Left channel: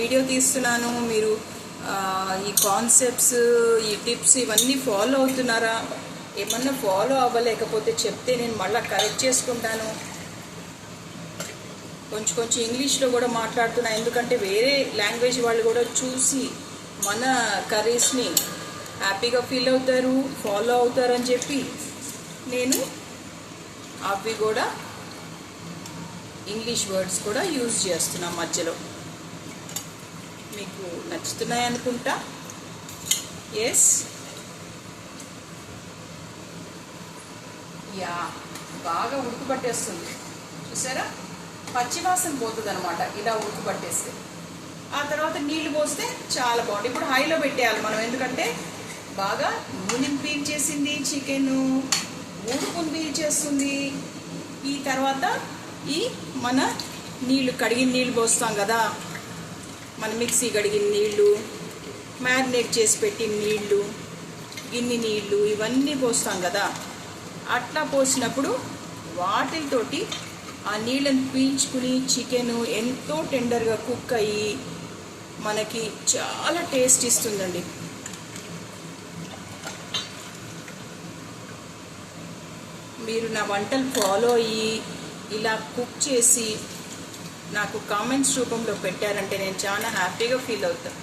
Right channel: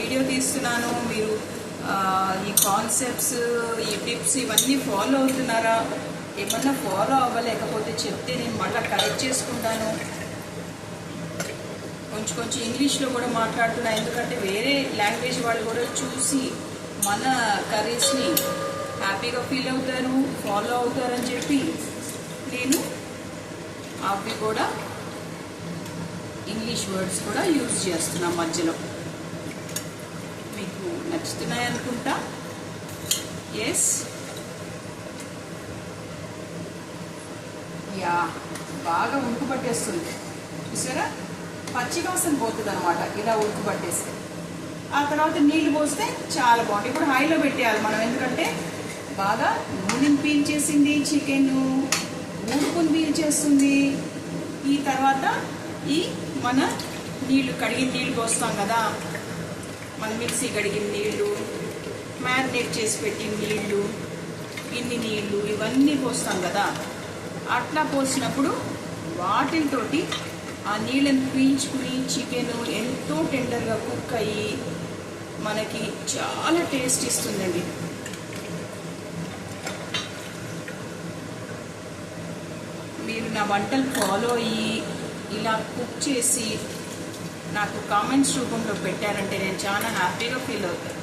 Video తీస్తున్నాను, మీరు ఈ కాన్సెప్ట్స్, ఈ టిప్స్ ఇవన్నీ ఫాలో అవుతున్నారా? ఏమన్నా ఫాలో అవ్వలేకపోతే చెప్తే నేను మళ్ళీ కరెక్ట్ చేసుకుంటాను. కొంచెం ఇంగ్లీష్లో కూడా మాట్లాడుతున్నా, ఎందుకంటే వేరే లాంగ్వేజ్ వాళ్ళు కూడా చూసి మన కర్రీస్ని హ్యాపీగా ఫీల్ అవుతారు, ఫాలో అవుతారు అని చెప్పి నేను అవి కూడా ఇంగ్లీష్ వర్డ్స్ కూడా యూజ్ చేస్తున్నా మధ్యలో. మీకు నచ్చుతున్నాయి అనుకుంటా. ఎస్, యా, బాగా ఉడుకు పట్టేస్తుంది చూసారా, పచ్చివాసన పోతుంది అనమాట ఇలా ఉడుకు పట్టేస్తే. ఆ తర్వాత నీళ్లు పోస్తే చాలా బాగుంటుంది. ఇప్పుడు హైలో పెట్టేయాలి మనం, ఎందుకంటే బాగా నూనెని పీల్చేసింది చికెన్, ఉడుకుని పీల్చేస్తుంది. ఈ తర్వాత ఈ మన నీళ్లు, కడిగిన నీళ్ళు పోస్తాం కదా, మన మిక్సీ కడిగిన నీళ్లు, మ్యారినేట్ చేసి పెట్టిన నీళ్లు, ఇన్ని నీళ్లు ఇవన్నీ పోస్తాం కదా. అట్లా పోసినప్పుడు వాటితోటి ఆ నీళ్ళని పీల్చుకుని చికెన్ ఎంతో టెండర్గా కుక్ అయ్యి మనకి చాలా టేస్ట్ ఇస్తుందండి. మీరు నా వంటలు ఫాలో అయ్యి ఇలా కుక్ చేసి నాకు కామెంట్స్ రూపంలో పెట్టారంటే నేను చాలా హ్యాపీగా ఫీల్ అవుతాను.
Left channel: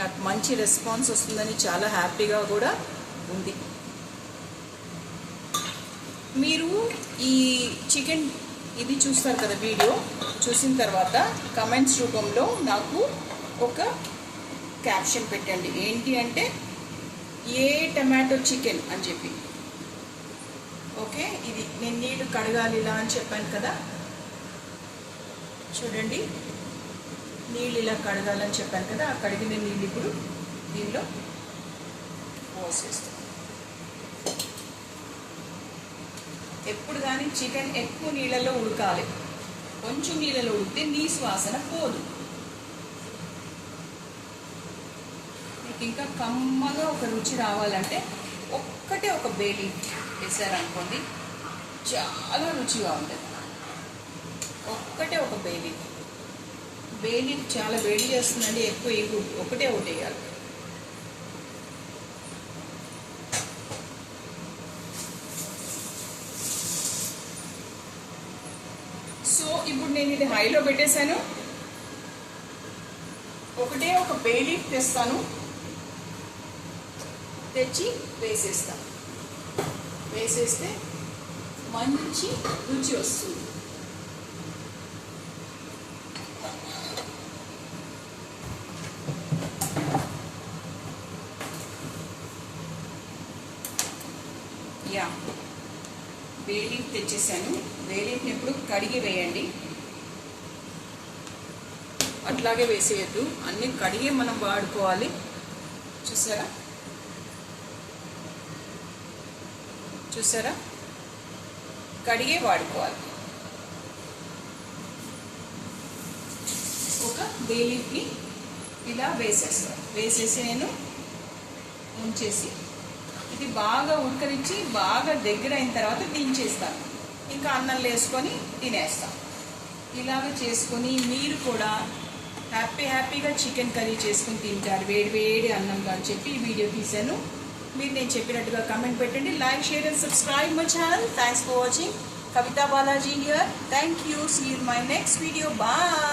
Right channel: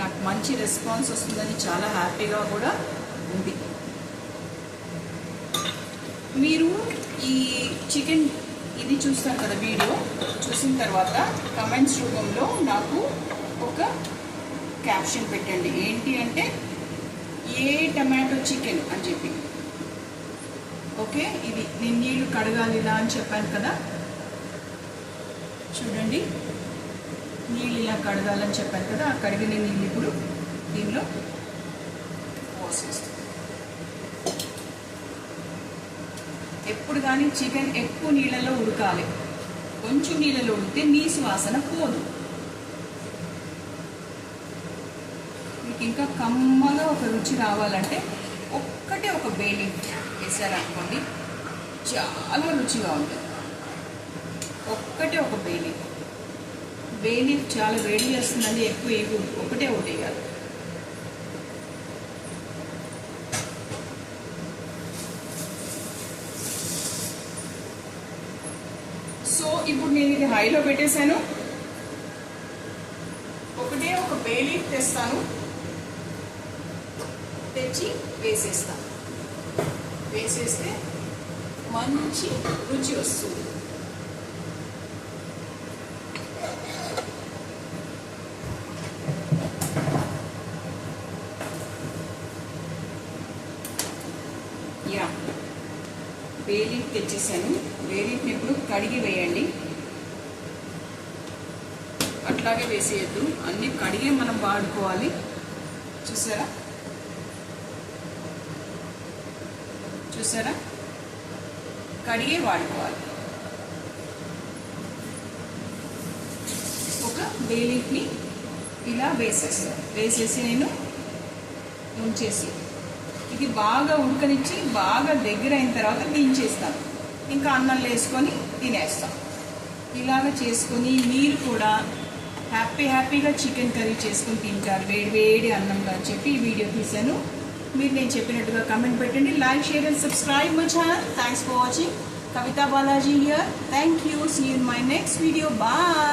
నాకు మంచి రెస్పాన్స్ వస్తుందని చాలా హ్యాపీగా కూడా ఉంది. మీరు ఈ చికెన్ ఇది చూస్తారు కదా, వీడియో చూసిన తర్వాత కమెంట్స్ రూపంలో నాకు ఒక క్యాప్షన్ పెట్టండి. ఏంటి అంటే ఏ టమాటో చికెన్ అని చెప్పి. ఓకే, ఇది నేను నీళ్ళు కడగాలిలా అని చెప్పాను కదా, చూడండి నీళ్ళు ఇలా కడగాలని చెప్పాను కదా, ఆ కడిగిన నీళ్ళు ఇప్పుడు దీనిలో పోసేస్తాను. ఎప్పుడు కానీ చికెన్ ఎక్కువ నీళ్ళలో ఉడకాలి, కొంచెం నీళ్ళలో ఉడికితే నీసు వాసన పోదు. మీకు ఇంకా కమ్మగా ఒక రుచి రావాలంటే ఒక్కటే ఒక బేలి వేసారనుకోండి, చాలా రుచిగా ఉంటుంది. ఒక్కటే ఒక బేలి చాలా వేడి చేస్తుందండి, ఎక్కువ ఒకటే వేయాలి. సో ఇప్పుడు నేను ఇది హైలో పెట్టేశాను. ఒకటే ఒక బే లీఫ్ తెస్తాను, తెచ్చి వేసేస్తాను. వేసేస్తే మంచి రుచి వస్తుంది. యా, బే లీఫ్ తెచ్చేసాను. బే లీఫ్ని ఇప్పుడు కడిగి వేయండి, అట్లాగే వేసేయద్దు, అన్నీ కడిగే మనం వాడుకోవాలి. చూసారా చూసారా, కడిగే వాడుకోవాలి. ఒక బే లీఫ్ని ఇలా వేసేస్తాను. వేసేసి నేను ఉంచేసి ఇది బాగా ఉడకనిచ్చి బాగా దగ్గర అయిన తర్వాత దించేస్తాను. ఇంకా అన్నంలో వేసుకొని తినేస్తాం. ఇలాగ చేసుకొని మీరు కూడా హ్యాపీగా చికెన్ కర్రీ చేసుకుని తింటారు వేడి వేడి అన్నంలో అని చెప్పి ఈ వీడియో తీశాను. మీరు నేను చెప్పినట్టుగా కమెంట్ పెట్టండి, like, share and subscribe my channel. Thanks for watching. Kavita Balaji here. Thank you. See you in my next video. Bye.